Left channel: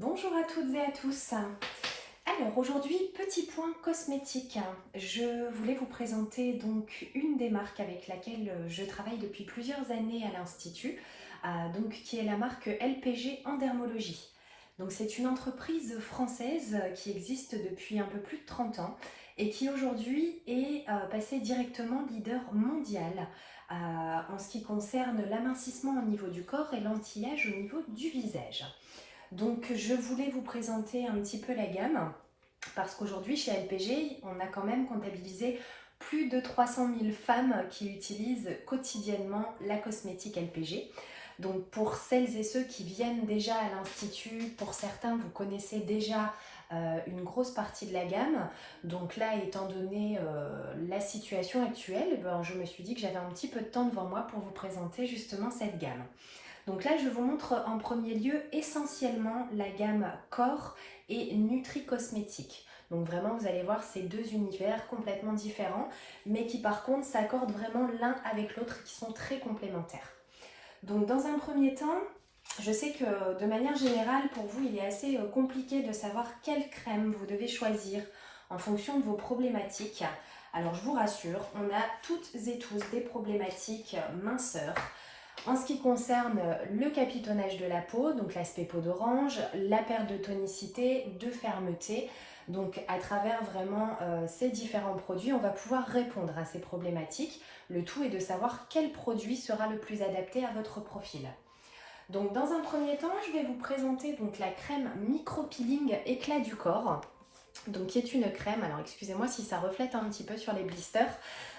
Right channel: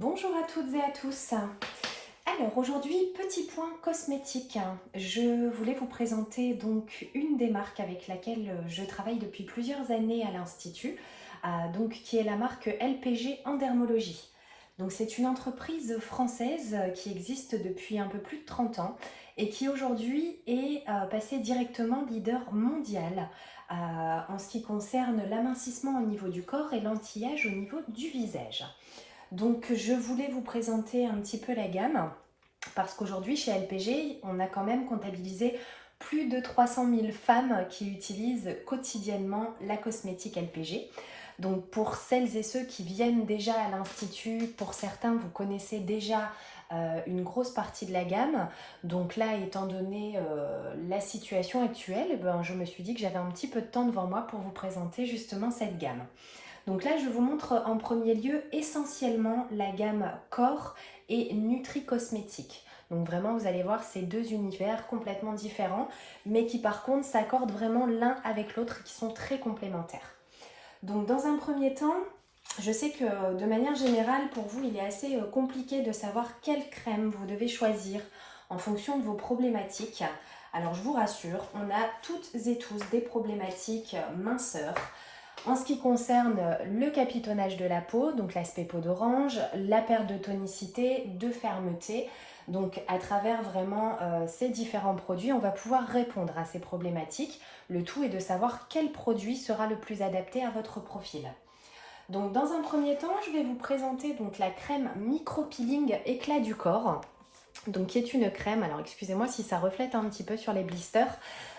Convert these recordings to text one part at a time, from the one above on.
Bonjour à toutes et à tous. Alors aujourd'hui, petit point cosmétique. Je voulais vous présenter donc une des marques avec laquelle je travaille depuis plusieurs années à l'Institut, donc qui est la marque LPG en dermologie. Donc c'est une entreprise française qui existe depuis un peu plus de 30 ans et qui aujourd'hui est passée directement leader mondial en ce qui concerne l'amincissement au niveau du corps et l'anti-âge au niveau du visage. Donc je voulais vous présenter un petit peu la gamme parce qu'aujourd'hui chez LPG, on a quand même comptabilisé plus de 300 000 femmes qui utilisent quotidiennement la cosmétique LPG. Donc pour celles et ceux qui viennent déjà à l'Institut, pour certains vous connaissez déjà une grosse partie de la gamme. Donc là, étant donné la situation actuelle, je me suis dit que j'avais un petit peu de temps devant moi pour vous présenter justement cette gamme. Donc là, je vous montre en premier lieu essentiellement la gamme corps et nutri-cosmétique. Donc vraiment, vous allez voir ces deux univers complètement différents, mais qui par contre s'accordent vraiment l'un avec l'autre et qui sont très complémentaires. Donc dans un premier temps, je sais que de manière générale, pour vous, il est assez compliqué de savoir quelle crème vous devez choisir en fonction de vos problématiques. Alors je vous rassure, on a toutes et tous des problématiques minceur. En ce qui concerne le capitonnage de la peau, donc l'aspect peau d'orange, la perte de tonicité, de fermeté, donc à travers vraiment ces différents produits, on va pouvoir répondre à ces problématiques. Le tout est de savoir quel produit sera le plus adapté à votre profil. Donc dans un premier temps, je vais vous présenter donc la crème micro-peeling éclat du corps. Donc qui est une crème, alors excusez-moi si ça reflète un petit peu sur les blisters.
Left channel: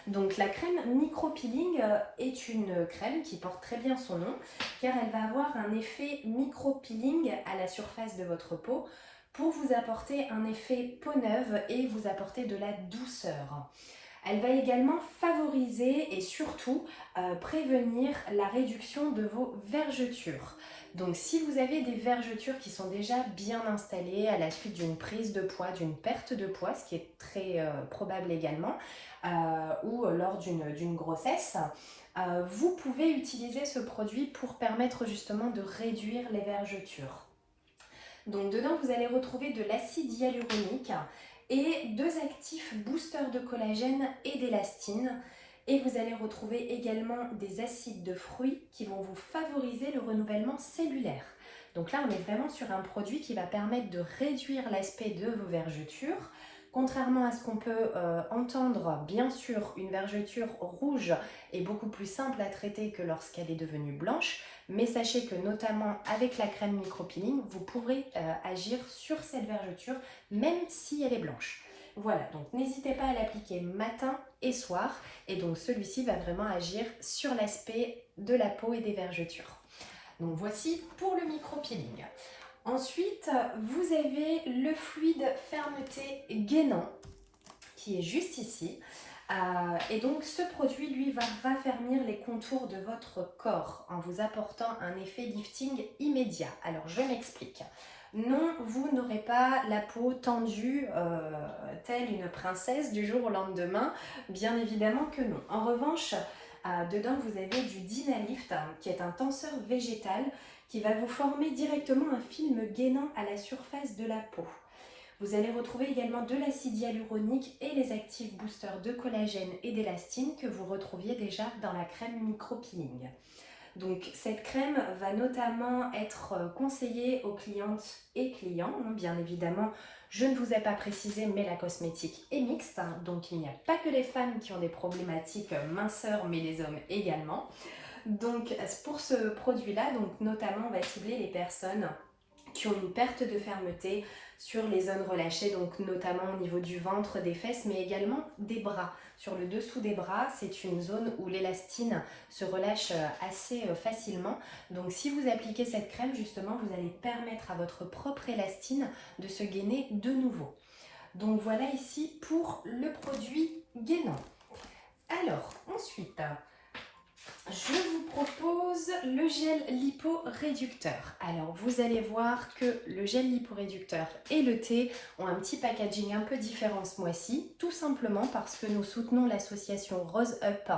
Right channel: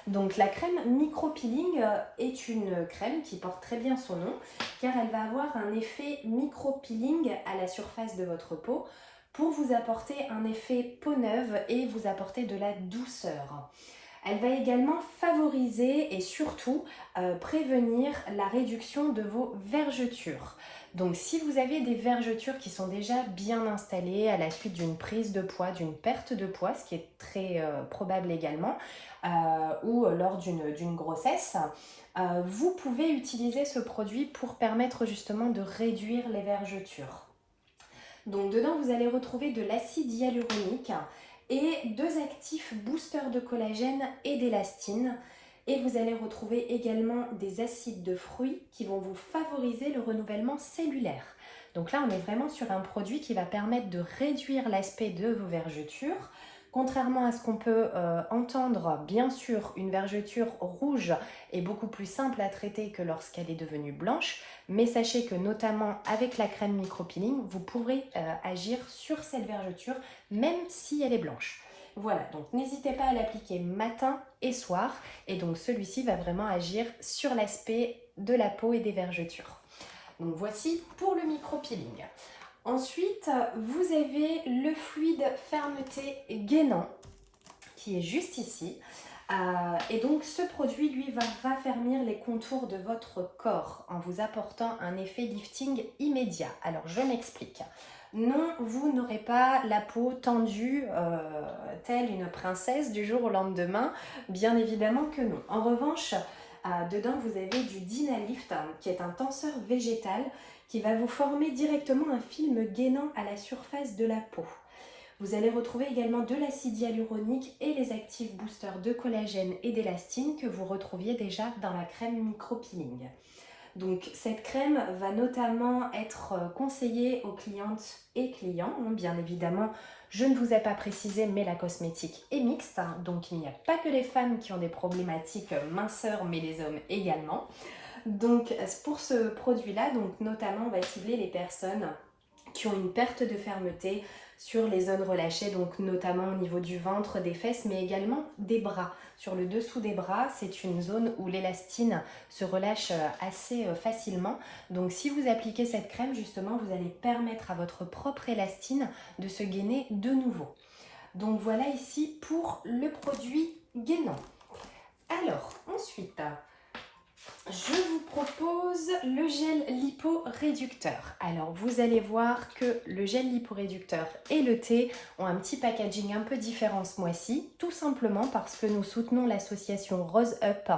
Donc la crème micro-peeling est une crème qui porte très bien son nom car elle va avoir un effet micro-peeling à la surface de votre peau pour vous apporter un effet peau neuve et vous apporter de la douceur. Elle va également favoriser et surtout prévenir la réduction de vos vergetures. Donc si vous avez des vergetures qui sont déjà bien installées à la suite d'une prise de poids, d'une perte de poids, ce qui est très probable également, ou lors d'une grossesse, vous pouvez utiliser ce produit pour permettre justement de réduire les vergetures. Donc dedans vous allez retrouver de l'acide hyaluronique et deux actifs boosters de collagène et d'élastine. Et vous allez retrouver également des acides de fruits qui vont vous favoriser le renouvellement cellulaire. Donc là, on est vraiment sur un produit qui va permettre de réduire l'aspect de vos vergetures. Contrairement à ce qu'on peut entendre, bien sûr, une vergeture rouge est beaucoup plus simple à traiter que lorsqu'elle est devenue blanche. Mais sachez que notamment avec la crème micro-peeling, vous pourrez agir sur cette vergeture même si elle est blanche. Voilà, donc n'hésitez pas à l'appliquer matin et soir. Et donc celui-ci va vraiment agir sur l'aspect de la peau et des vergetures. Donc voici pour le micro-peeling. Ensuite, vous avez le fluide fermeté gainant qui est juste ici. Et donc ce produit, lui, va raffermir les contours de votre corps en vous apportant un effet lifting immédiat. Alors je m'explique. Non, vous n'aurez pas la peau tendue telle une princesse du jour au lendemain, bien évidemment que non. En revanche, dedans vous avez du Dynalift qui est un tenseur végétal qui va vous former directement un film gainant à la surface de la peau. Vous allez retrouver également de l'acide hyaluronique et les actifs boosters de collagène et d'élastine que vous retrouviez déjà dans la crème micro-peeling. Donc cette crème va notamment être conseillée aux clientes et clients, bien évidemment. Je ne vous ai pas précisé, mais la cosmétique est mixte, donc il n'y a pas que les femmes qui ont des problématiques minceur, mais les hommes également. Donc pour ce produit-là, donc notamment on va cibler les personnes qui ont une perte de fermeté sur les zones relâchées, donc notamment au niveau du ventre, des fesses, mais également des bras. Sur le dessous des bras, c'est une zone où l'élastine se relâche assez facilement. Donc si vous appliquez cette crème, justement, vous allez permettre à votre propre élastine de se gainer de nouveau. Donc voilà ici pour le produit gainant. Alors ensuite, Je vous propose le gel liporéducteur. Alors vous allez voir que le gel liporéducteur et le thé ont un petit packaging un peu différent ce mois-ci, tout simplement parce que nous soutenons l'association Rose Up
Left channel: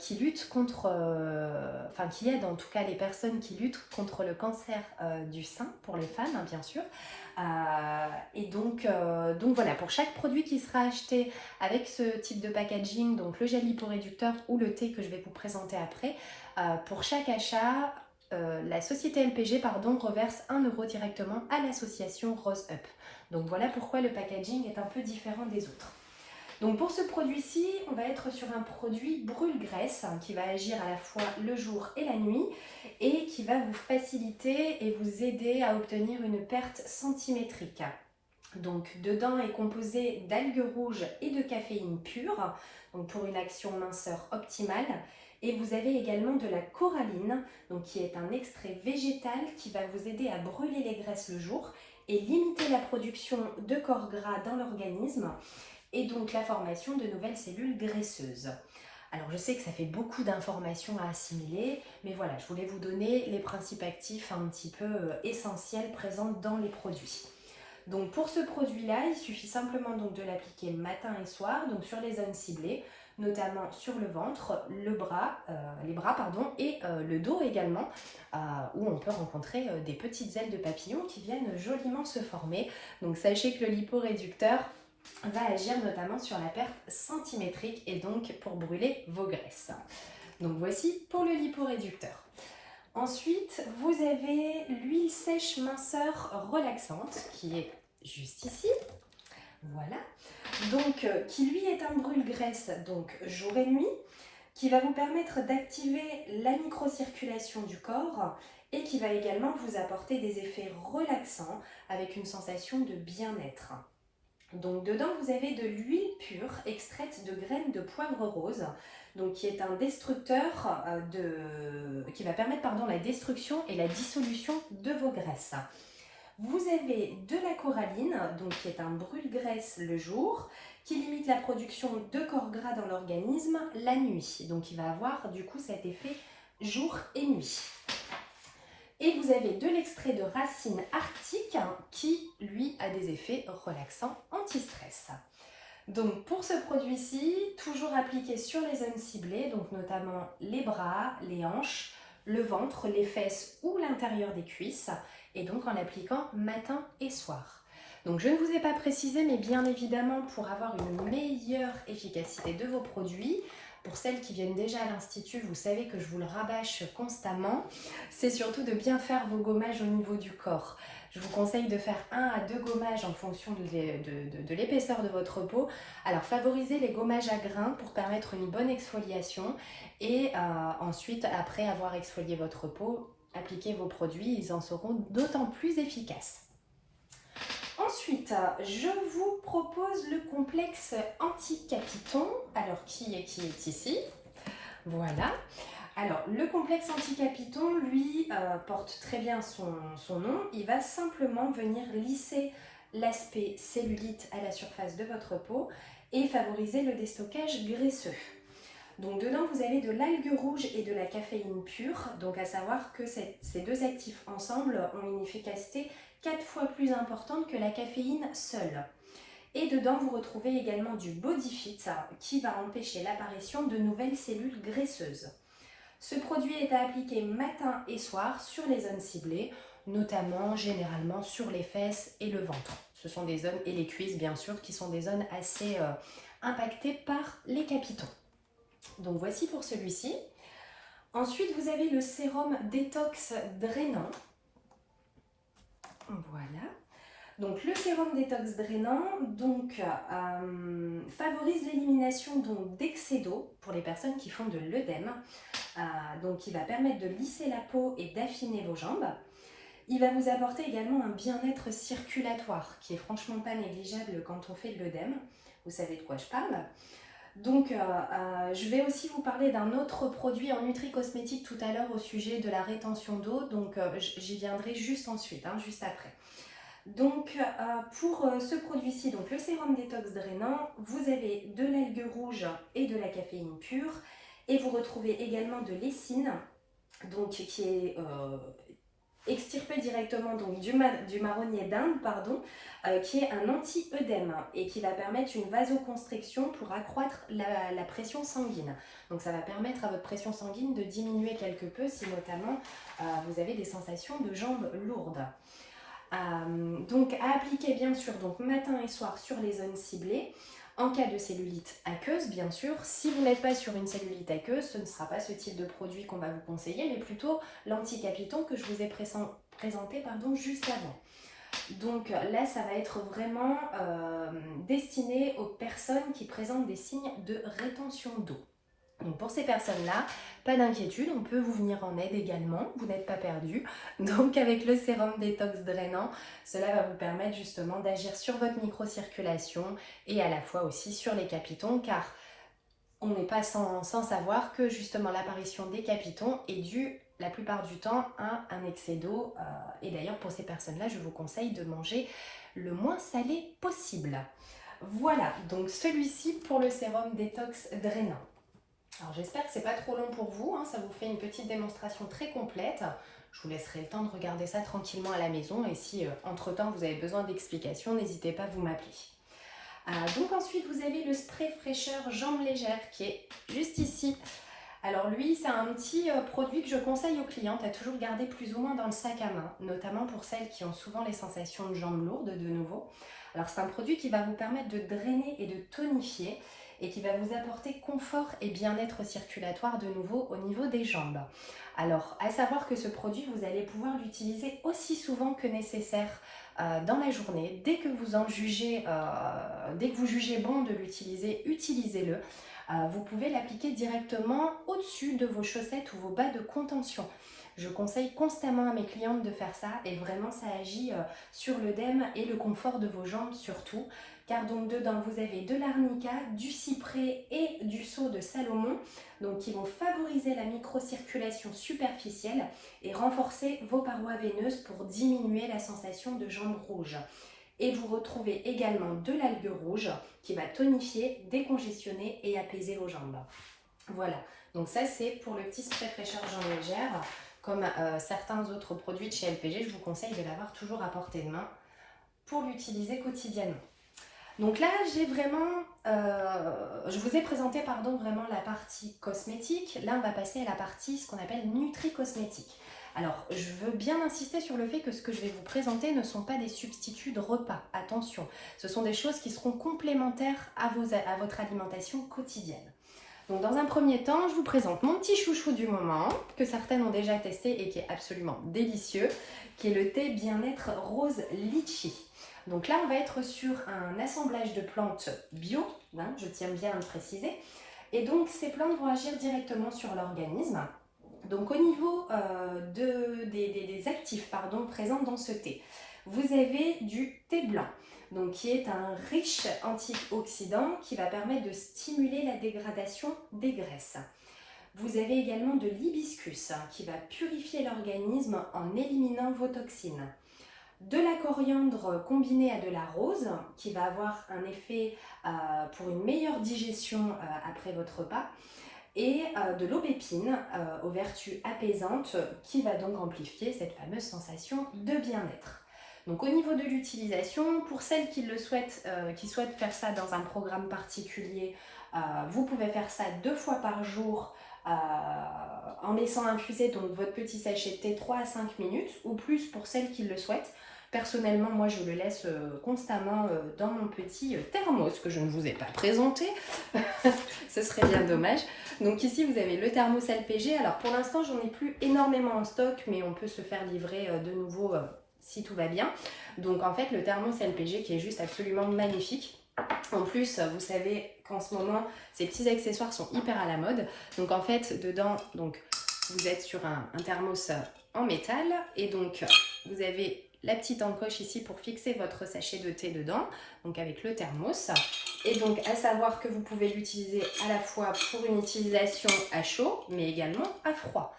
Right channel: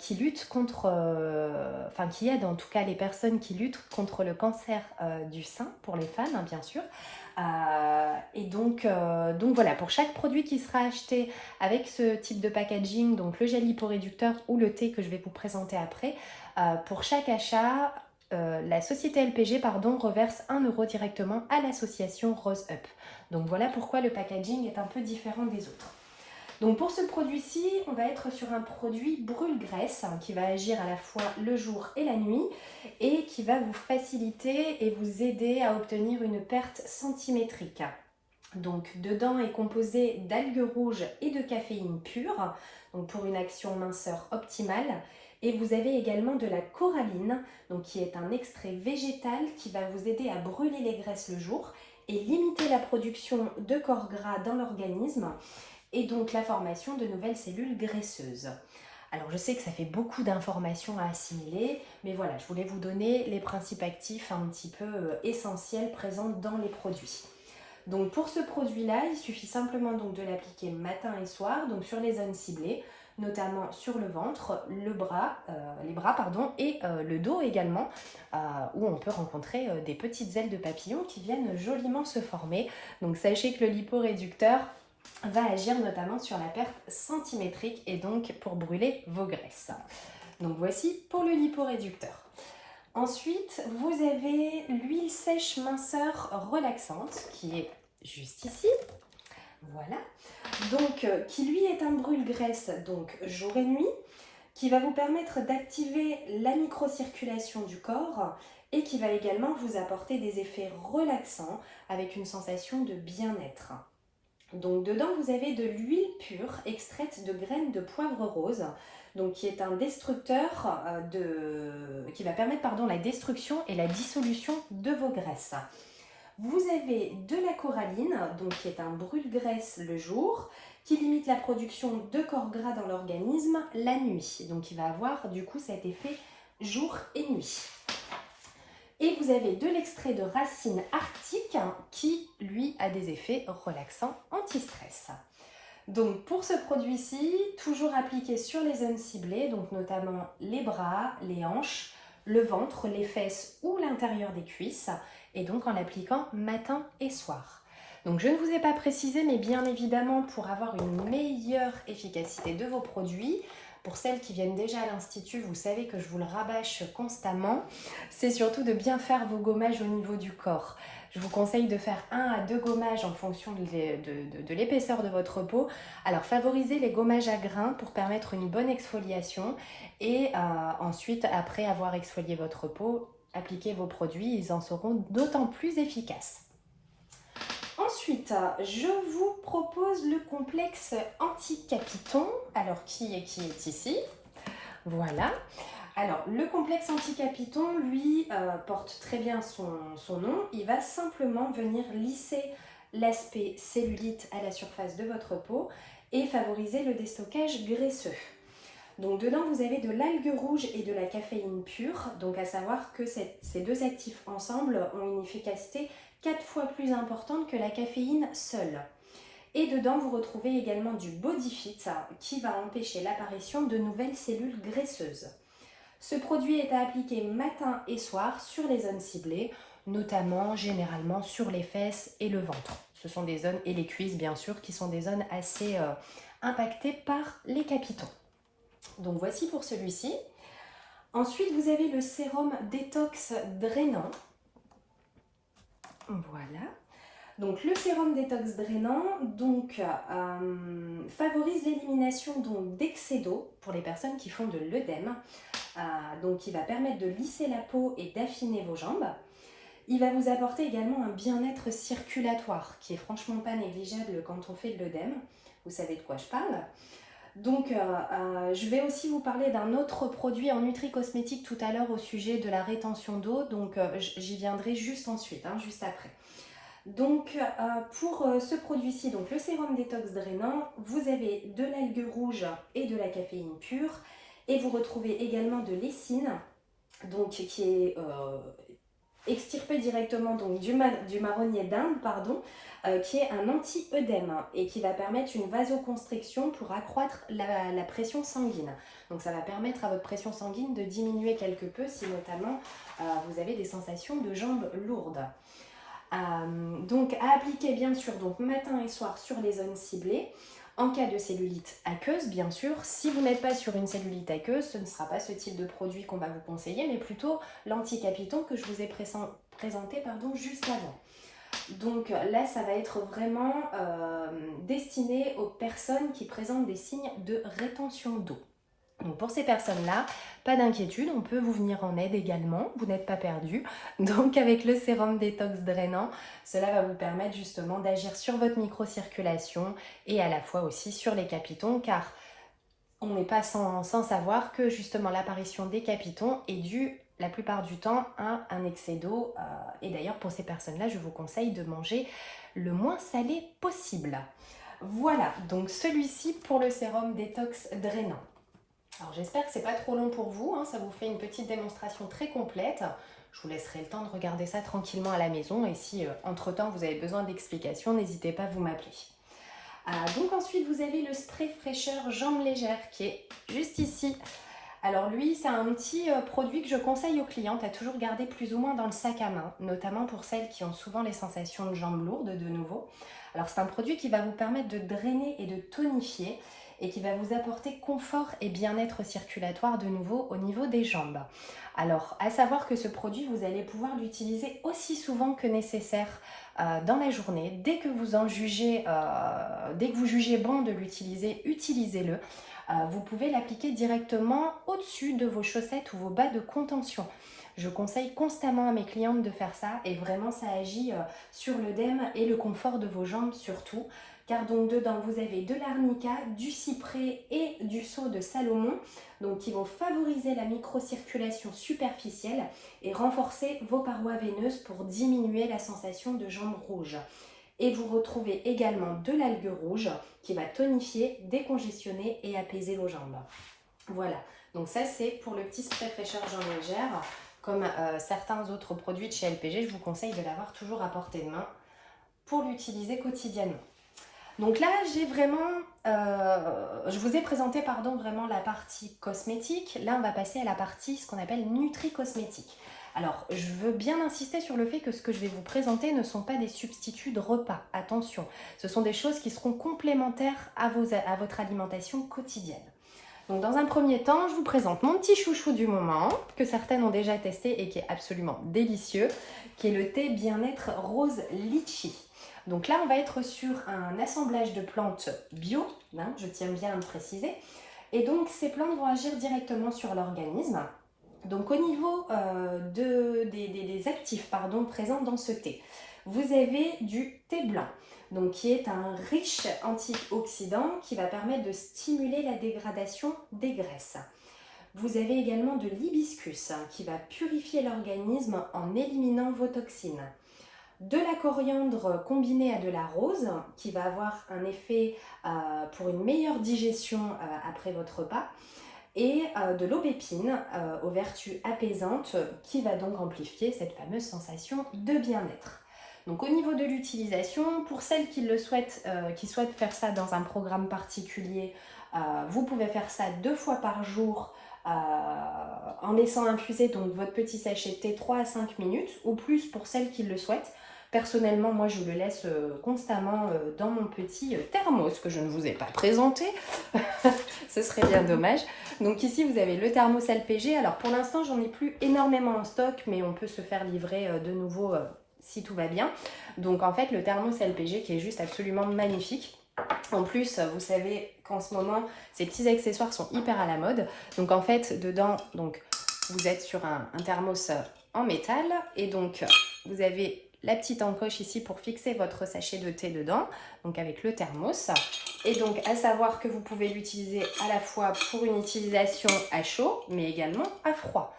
qui lutte contre, qui aide en tout cas les personnes qui luttent contre le cancer du sein pour les femmes, hein, bien sûr. Donc voilà, pour chaque produit qui sera acheté avec ce type de packaging, donc le gel liporéducteur ou le thé que je vais vous présenter après, pour chaque achat, la société LPG reverse 1 euro directement à l'association Rose Up. Donc voilà pourquoi le packaging est un peu différent des autres. Donc pour ce produit-ci, on va être sur un produit brûle-graisse qui va agir à la fois le jour et la nuit et qui va vous faciliter et vous aider à obtenir une perte centimétrique. Donc dedans est composé d'algues rouges et de caféine pure, donc pour une action minceur optimale. Et vous avez également de la coralline, donc qui est un extrait végétal qui va vous aider à brûler les graisses le jour et limiter la production de corps gras dans l'organisme et donc la formation de nouvelles cellules graisseuses. Alors je sais que ça fait beaucoup d'informations à assimiler, mais voilà, je voulais vous donner les principes actifs un petit peu essentiels présents dans les produits. Donc pour ce produit-là, il suffit simplement donc de l'appliquer matin et soir, donc sur les zones ciblées, notamment sur le ventre, les bras et le dos également, où on peut rencontrer des petites ailes de papillon qui viennent joliment se former. Donc sachez que le liporéducteur va agir notamment sur la perte centimétrique et donc pour brûler vos graisses. Donc voici pour le liporéducteur. Ensuite, vous avez l'huile sèche minceur relaxante qui est juste ici. Voilà. Donc, qui lui est un brûle-graisse donc jour et nuit, qui va vous permettre d'activer la microcirculation du corps et qui va également vous apporter des effets relaxants avec une sensation de bien-être. Donc dedans vous avez de l'huile pure extraite de graines de poivre rose, donc qui est un destructeur qui va permettre la destruction et la dissolution de vos graisses. Vous avez de la coralline, donc qui est un brûle-graisse le jour, qui limite la production de corps gras dans l'organisme la nuit. Donc il va avoir du coup cet effet jour et nuit. Et vous avez de l'extrait de racine arctique qui, lui, a des effets relaxants anti-stress. Donc pour ce produit-ci, toujours appliqué sur les zones ciblées, donc notamment les bras, les hanches, le ventre, les fesses ou l'intérieur des cuisses, et donc en l'appliquant matin et soir. Donc je ne vous ai pas précisé, mais bien évidemment pour avoir une meilleure efficacité de vos produits, pour celles qui viennent déjà à l'Institut, vous savez que je vous le rabâche constamment, c'est surtout de bien faire vos gommages au niveau du corps. Je vous conseille de faire 1 à 2 gommages en fonction de l'épaisseur de votre peau. Alors favorisez les gommages à grains pour permettre une bonne exfoliation et ensuite, après avoir exfolié votre peau, appliquez vos produits, ils en seront d'autant plus efficaces. Ensuite, je vous propose le complexe anti-capiton, alors qui est ici. Voilà. Alors, le complexe anti-capiton, lui, porte très bien son nom. Il va simplement venir lisser l'aspect cellulite à la surface de votre peau et favoriser le déstockage graisseux. Donc dedans, vous avez de l'algue rouge et de la caféine pure. Donc à savoir que ces deux actifs ensemble ont une efficacité 4 fois plus importante que la caféine seule. Et dedans, vous retrouvez également du Bodyfit qui va empêcher l'apparition de nouvelles cellules graisseuses. Ce produit est à appliquer matin et soir sur les zones ciblées, notamment généralement sur les fesses et le ventre. Ce sont des zones, et les cuisses bien sûr, qui sont des zones assez impactées par les capitons. Donc voici pour celui-ci. Ensuite, vous avez le sérum détox drainant. Voilà. Donc le sérum détox drainant favorise l'élimination d'excès d'eau pour les personnes qui font de l'œdème. Donc il va permettre de lisser la peau et d'affiner vos jambes. Il va vous apporter également un bien-être circulatoire qui est franchement pas négligeable quand on fait de l'œdème. Vous savez de quoi je parle. Donc je vais aussi vous parler d'un autre produit en nutri-cosmétique tout à l'heure au sujet de la rétention d'eau. Donc j'y viendrai juste ensuite, juste après. Donc pour ce produit-ci, donc le sérum détox drainant, vous avez de l'algue rouge et de la caféine pure Et vous retrouvez également de l'essine, donc qui est extirpé directement donc, du marronnier d'Inde, pardon, qui est un anti-œdème et qui va permettre une vasoconstriction pour accroître la pression sanguine. Donc ça va permettre à votre pression sanguine de diminuer quelque peu si notamment vous avez des sensations de jambes lourdes. Donc à appliquer bien sûr donc matin et soir sur les zones ciblées. En cas de cellulite aqueuse, bien sûr, si vous n'êtes pas sur une cellulite aqueuse, ce ne sera pas ce type de produit qu'on va vous conseiller, mais plutôt l'anticapiton que je vous ai présenté juste avant. Donc là, ça va être vraiment destiné aux personnes qui présentent des signes de rétention d'eau. Donc pour ces personnes-là, pas d'inquiétude, on peut vous venir en aide également, vous n'êtes pas perdu. Donc avec le sérum détox drainant, cela va vous permettre justement d'agir sur votre microcirculation et à la fois aussi sur les capitons, car on n'est pas sans savoir que justement l'apparition des capitons est due la plupart du temps à un excès d'eau. Et d'ailleurs pour ces personnes-là, je vous conseille de manger le moins salé possible. Voilà, donc celui-ci pour le sérum détox drainant. Alors j'espère que c'est pas trop long pour vous, hein, ça vous fait une petite démonstration très complète. Je vous laisserai le temps de regarder ça tranquillement à la maison et si entre-temps vous avez besoin d'explications, n'hésitez pas à vous m'appeler. Donc ensuite vous avez le spray fraîcheur jambes légères qui est juste ici. Alors lui c'est un petit produit que je conseille aux clientes à toujours garder plus ou moins dans le sac à main, notamment pour celles qui ont souvent les sensations de jambes lourdes de nouveau. Alors c'est un produit qui va vous permettre de drainer et de tonifier et qui va vous apporter confort et bien-être circulatoire de nouveau au niveau des jambes. Alors, à savoir que ce produit, vous allez pouvoir l'utiliser aussi souvent que nécessaire dans la journée. Dès que vous jugez bon de l'utiliser, utilisez-le. Vous pouvez l'appliquer directement au-dessus de vos chaussettes ou vos bas de contention. Je conseille constamment à mes clientes de faire ça et vraiment ça agit sur l'œdème et le confort de vos jambes surtout. Car donc dedans vous avez de l'arnica, du cyprès et du saule de Salomon, donc qui vont favoriser la microcirculation superficielle et renforcer vos parois veineuses pour diminuer la sensation de jambes rouges. Et vous retrouvez également de l'algue rouge qui va tonifier, décongestionner et apaiser vos jambes. Voilà, donc ça c'est pour le petit spray fraîcheur jambes légères. Comme certains autres produits de chez LPG, je vous conseille de l'avoir toujours à portée de main pour l'utiliser quotidiennement. Donc là, j'ai vraiment, je vous ai présenté vraiment la partie cosmétique. Là, on va passer à la partie, ce qu'on appelle nutri-cosmétique. Alors, je veux bien insister sur le fait que ce que je vais vous présenter ne sont pas des substituts de repas. Attention, ce sont des choses qui seront complémentaires à votre alimentation quotidienne. Donc dans un premier temps, je vous présente mon petit chouchou du moment, que certaines ont déjà testé et qui est absolument délicieux, qui est le thé bien-être rose litchi. Donc là, on va être sur un assemblage de plantes bio, hein, je tiens bien à le préciser. Et donc, ces plantes vont agir directement sur l'organisme. Donc, au niveau des actifs présents dans ce thé, vous avez du thé blanc, donc qui est un riche antioxydant qui va permettre de stimuler la dégradation des graisses. Vous avez également de l'hibiscus qui va purifier l'organisme en éliminant vos toxines. De la coriandre combinée à de la rose qui va avoir un effet pour une meilleure digestion après votre repas et de l'aubépine aux vertus apaisantes qui va donc amplifier cette fameuse sensation de bien-être. Donc au niveau de l'utilisation, pour celles qui souhaitent faire ça dans un programme particulier, vous pouvez faire ça 2 fois par jour en laissant infuser donc votre petit sachet de thé 3 à 5 minutes ou plus pour celles qui le souhaitent. Personnellement, moi je le laisse constamment dans mon petit thermos que je ne vous ai pas présenté. Ce serait bien dommage. Donc ici vous avez le thermos LPG. Alors pour l'instant j'en ai plus énormément en stock, mais on peut se faire livrer de nouveau si tout va bien. Donc en fait le thermos LPG qui est juste absolument magnifique. En plus, vous savez qu'en ce moment, ces petits accessoires sont hyper à la mode. Donc en fait, dedans, donc, vous êtes sur un thermos en métal. Et donc, vous avez la petite encoche ici pour fixer votre sachet de thé dedans. Donc avec le thermos. Et donc, à savoir que vous pouvez l'utiliser à la fois pour une utilisation à chaud, mais également à froid.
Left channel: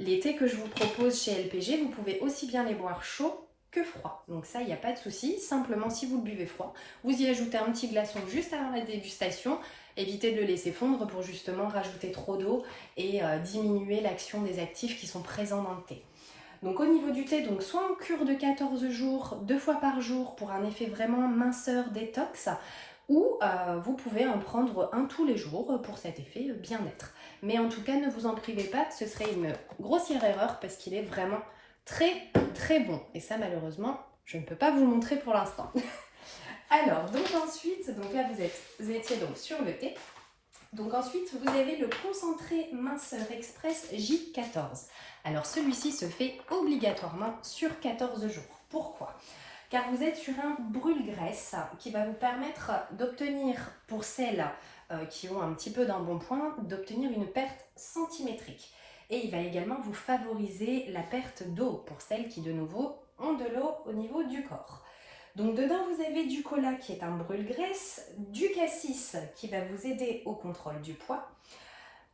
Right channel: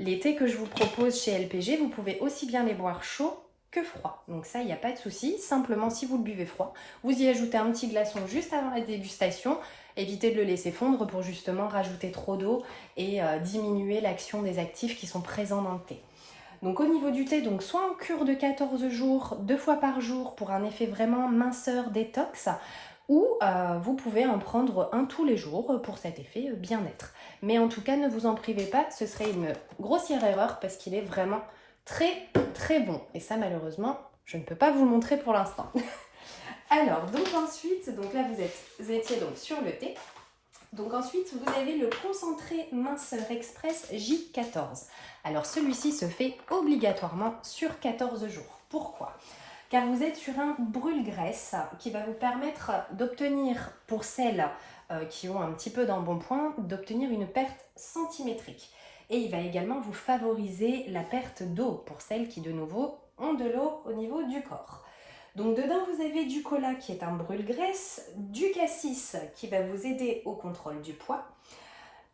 Les thés que je vous propose chez LPG, vous pouvez aussi bien les boire chauds que froid. Donc ça, il n'y a pas de souci. Simplement, si vous le buvez froid, vous y ajoutez un petit glaçon juste avant la dégustation. Évitez de le laisser fondre pour justement rajouter trop d'eau et diminuer l'action des actifs qui sont présents dans le thé. Donc au niveau du thé, donc soit en cure de 14 jours, 2 fois par jour pour un effet vraiment minceur détox, ou vous pouvez en prendre un tous les jours pour cet effet bien-être. Mais en tout cas, ne vous en privez pas, ce serait une grossière erreur parce qu'il est vraiment très très bon. Et ça, malheureusement, je ne peux pas vous le montrer pour l'instant. Alors, donc ensuite, donc là vous étiez donc sur le thé. Donc ensuite, vous avez le concentré minceur express J14. Alors celui-ci se fait obligatoirement sur 14 jours. Pourquoi ? Car vous êtes sur un brûle-graisse qui va vous permettre d'obtenir, pour celles qui ont un petit peu d'embonpoint, d'obtenir une perte centimétrique. Et il va également vous favoriser la perte d'eau pour celles qui, de nouveau, ont de l'eau au niveau du corps. Donc dedans, vous avez du cola qui est un brûle-graisse, du cassis qui va vous aider au contrôle du poids,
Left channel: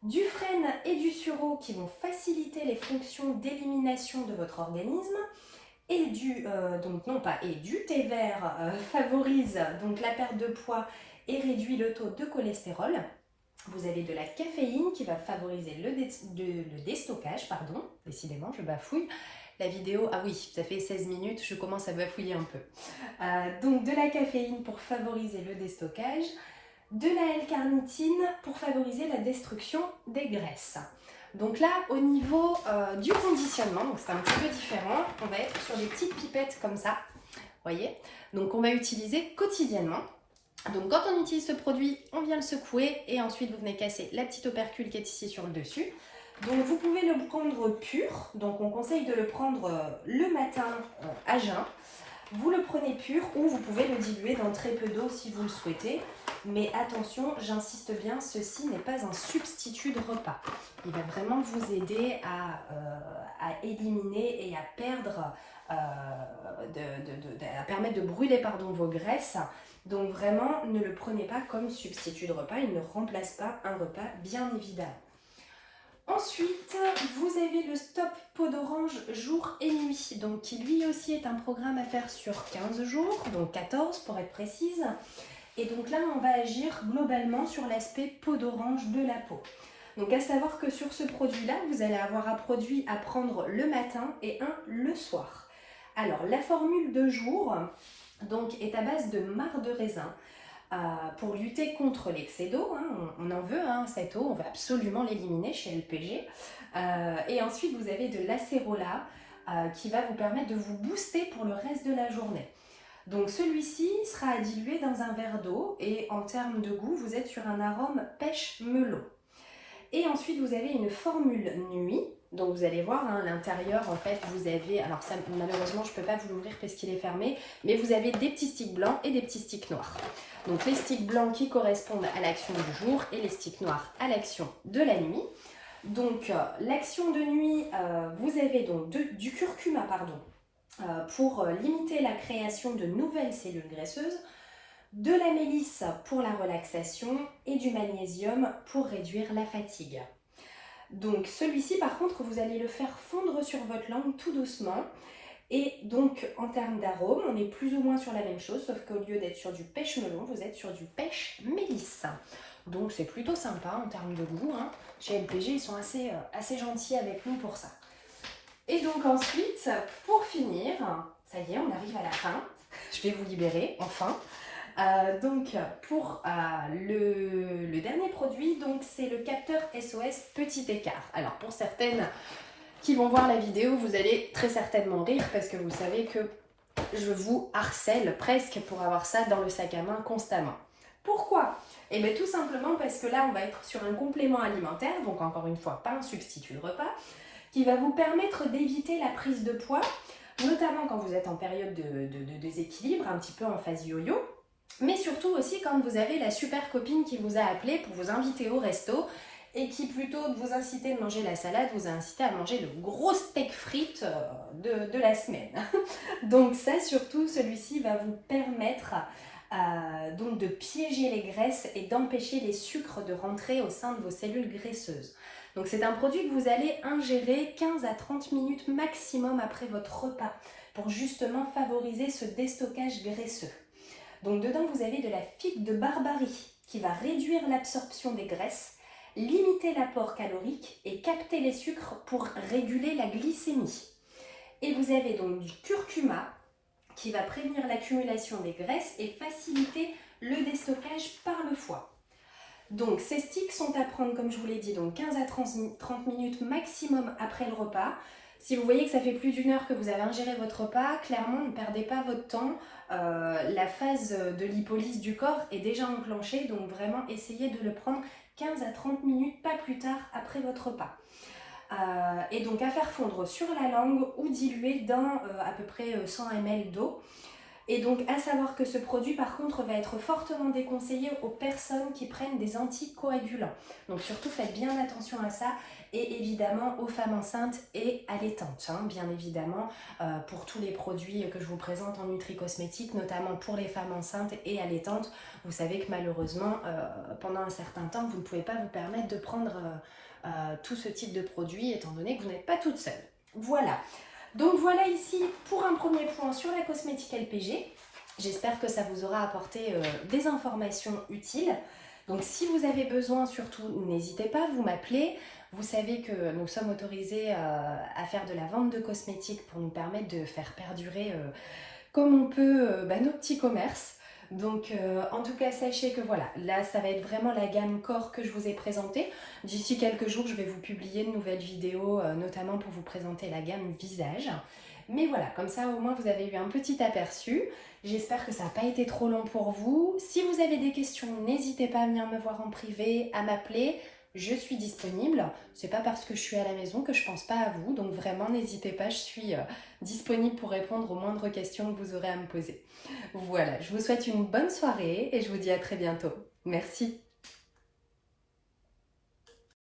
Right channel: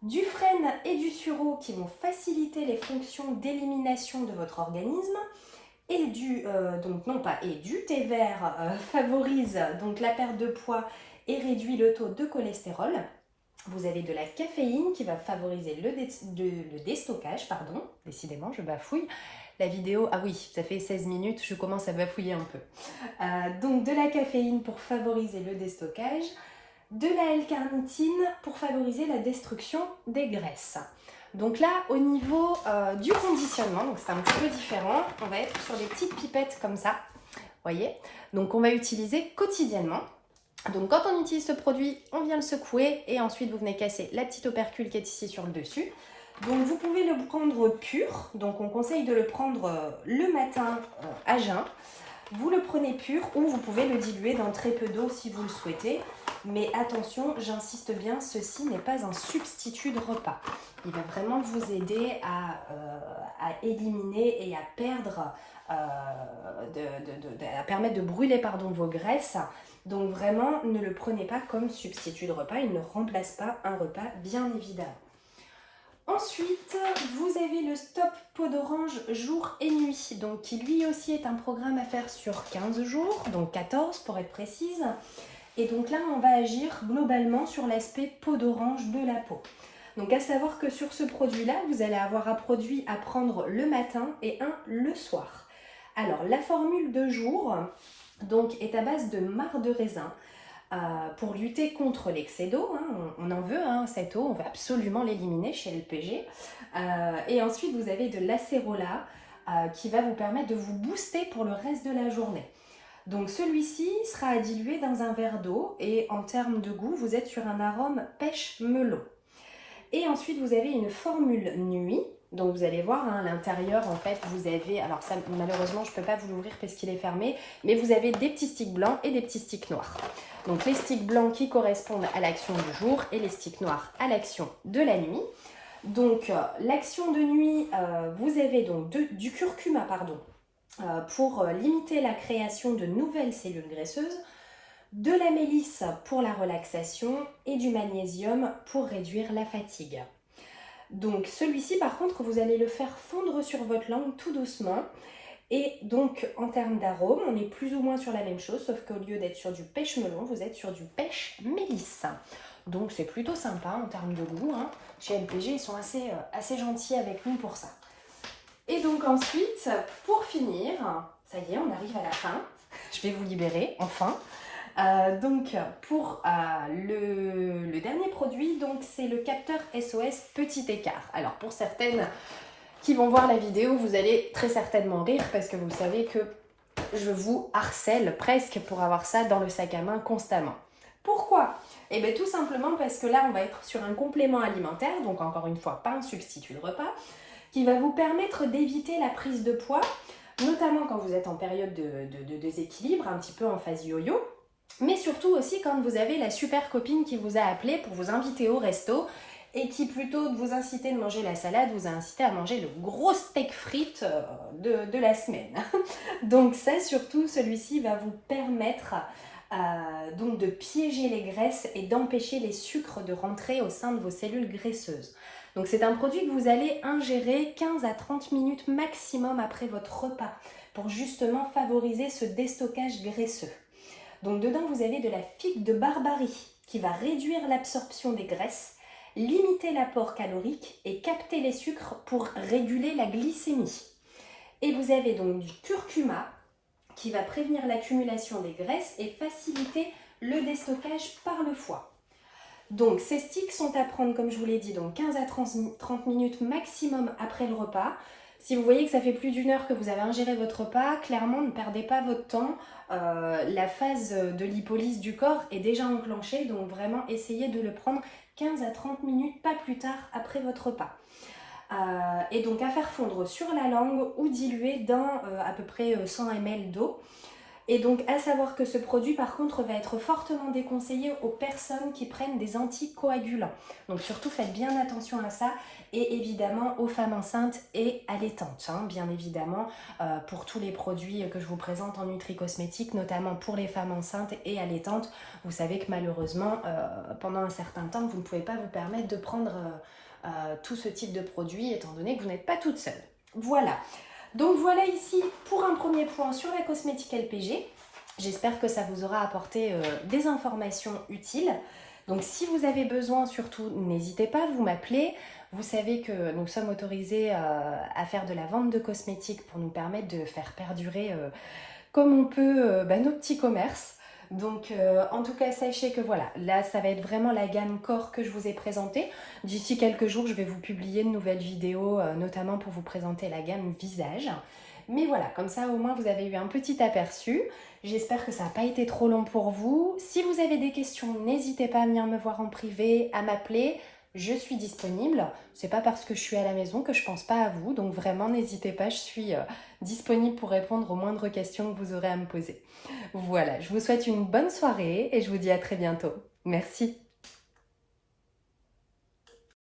du frêne et du sureau qui vont faciliter les fonctions d'élimination de votre organisme, et du thé vert favorise donc la perte de poids et réduit le taux de cholestérol. Vous avez de la caféine qui va favoriser le déstockage, pardon, décidément je bafouille. La vidéo, ah oui, ça fait 16 minutes, je commence à bafouiller un peu. Donc de la caféine pour favoriser le déstockage, de la L-carnitine pour favoriser la destruction des graisses. Donc là, au niveau du conditionnement, donc c'est un petit peu différent, on va être sur des petites pipettes comme ça, voyez. Donc on va utiliser quotidiennement. Donc quand on utilise ce produit, on vient le secouer et ensuite vous venez casser la petite opercule qui est ici sur le dessus. Donc vous pouvez le prendre pur, donc on conseille de le prendre le matin à jeun. Vous le prenez pur ou vous pouvez le diluer dans très peu d'eau si vous le souhaitez. Mais attention, j'insiste bien, ceci n'est pas un substitut de repas. Il va vraiment vous aider à éliminer et à perdre, à permettre de brûler vos graisses. Donc vraiment, ne le prenez pas comme substitut de repas, il ne remplace pas un repas, bien évidemment. Ensuite, vous avez le Stop Peau d'Orange jour et nuit, donc qui lui aussi est un programme à faire sur 15 jours, donc 14 pour être précise. Et donc là, on va agir globalement sur l'aspect peau d'orange de la peau. Donc à savoir que sur ce produit-là, vous allez avoir un produit à prendre le matin et un le soir. Alors la formule de jour donc, est à base de marc de raisin. Pour lutter contre l'excès d'eau, hein, on en veut, cette eau, on veut absolument l'éliminer chez LPG. Et ensuite, vous avez de l'acérola qui va vous permettre de vous booster pour le reste de la journée. Donc celui-ci sera à diluer dans un verre d'eau et en termes de goût, vous êtes sur un arôme pêche-melon. Et ensuite, vous avez une formule nuit. Donc vous allez voir, à l'intérieur, en fait, vous avez, alors ça, malheureusement, je ne peux pas vous l'ouvrir parce qu'il est fermé, mais vous avez des petits sticks blancs et des petits sticks noirs. Donc les sticks blancs qui correspondent à l'action du jour et les sticks noirs à l'action de la nuit. Donc l'action de nuit, vous avez donc du curcuma, pour limiter la création de nouvelles cellules graisseuses, de la mélisse pour la relaxation et du magnésium pour réduire la fatigue. Donc celui-ci par contre vous allez le faire fondre sur votre langue tout doucement et donc en termes d'arôme on est plus ou moins sur la même chose sauf qu'au lieu d'être sur du pêche melon vous êtes sur du pêche mélisse. Donc c'est plutôt sympa en termes de goût, hein. Chez LPG ils sont assez gentils avec nous pour ça. Et donc ensuite pour finir, ça y est on arrive à la fin, je vais vous libérer enfin. Donc pour le dernier produit, donc c'est le capteur SOS petit écart. Alors pour certaines qui vont voir la vidéo, vous allez très certainement rire parce que vous savez que je vous harcèle presque pour avoir ça dans le sac à main constamment. Pourquoi ? Eh bien tout simplement parce que là on va être sur un complément alimentaire, donc encore une fois pas un substitut de repas, qui va vous permettre d'éviter la prise de poids, notamment quand vous êtes en période de déséquilibre, un petit peu en phase yo-yo. Mais surtout aussi quand vous avez la super copine qui vous a appelé pour vous inviter au resto et qui plutôt que vous inciter de manger la salade, vous a incité à manger le gros steak frites de la semaine. Donc ça surtout, celui-ci va vous permettre donc de piéger les graisses et d'empêcher les sucres de rentrer au sein de vos cellules graisseuses. Donc c'est un produit que vous allez ingérer 15 à 30 minutes maximum après votre repas. pour justement favoriser ce déstockage graisseux. Donc dedans, vous avez de la figue de Barbarie qui va réduire l'absorption des graisses, limiter l'apport calorique et capter les sucres pour réguler la glycémie. Et vous avez donc du curcuma qui va prévenir l'accumulation des graisses et faciliter le déstockage par le foie. Donc ces sticks sont à prendre, comme je vous l'ai dit, donc 15 à 30 minutes maximum après le repas. Si vous voyez que ça fait plus d'une heure que vous avez ingéré votre repas, clairement ne perdez pas votre temps. La phase de lipolyse du corps est déjà enclenchée, donc vraiment essayez de le prendre 15 à 30 minutes, pas plus tard après votre repas. Et donc à faire fondre sur la langue ou diluer dans à peu près 100 ml d'eau. Et donc à savoir que ce produit par contre va être fortement déconseillé aux personnes qui prennent des anticoagulants. Donc surtout faites bien attention à ça et évidemment aux femmes enceintes et allaitantes. Bien évidemment pour tous les produits que je vous présente en nutri-cosmétique, notamment pour les femmes enceintes et allaitantes. Vous savez que malheureusement pendant un certain temps vous ne pouvez pas vous permettre de prendre tout ce type de produit étant donné que vous n'êtes pas toute seule. Voilà. Donc voilà ici pour un premier point sur la cosmétique LPG. J'espère que ça vous aura apporté des informations utiles. Donc si vous avez besoin, surtout n'hésitez pas, vous m'appelez. Vous savez que nous sommes autorisés à faire de la vente de cosmétiques pour nous permettre de faire perdurer comme on peut nos petits commerces. Donc en tout cas sachez que voilà, là ça va être vraiment la gamme corps que je vous ai présentée. D'ici quelques jours je vais vous publier de nouvelles vidéos notamment pour vous présenter la gamme visage. Mais voilà, comme ça au moins vous avez eu un petit aperçu. J'espère que ça n'a pas été trop long pour vous. Si vous avez des questions, n'hésitez pas à venir me voir en privé, à m'appeler. Je suis disponible. C'est pas parce que je suis à la maison que je pense pas à vous. Donc vraiment n'hésitez pas, je suis disponible pour répondre aux moindres questions que vous aurez à me poser. Voilà, je vous souhaite une bonne soirée et je vous dis à très bientôt. Merci.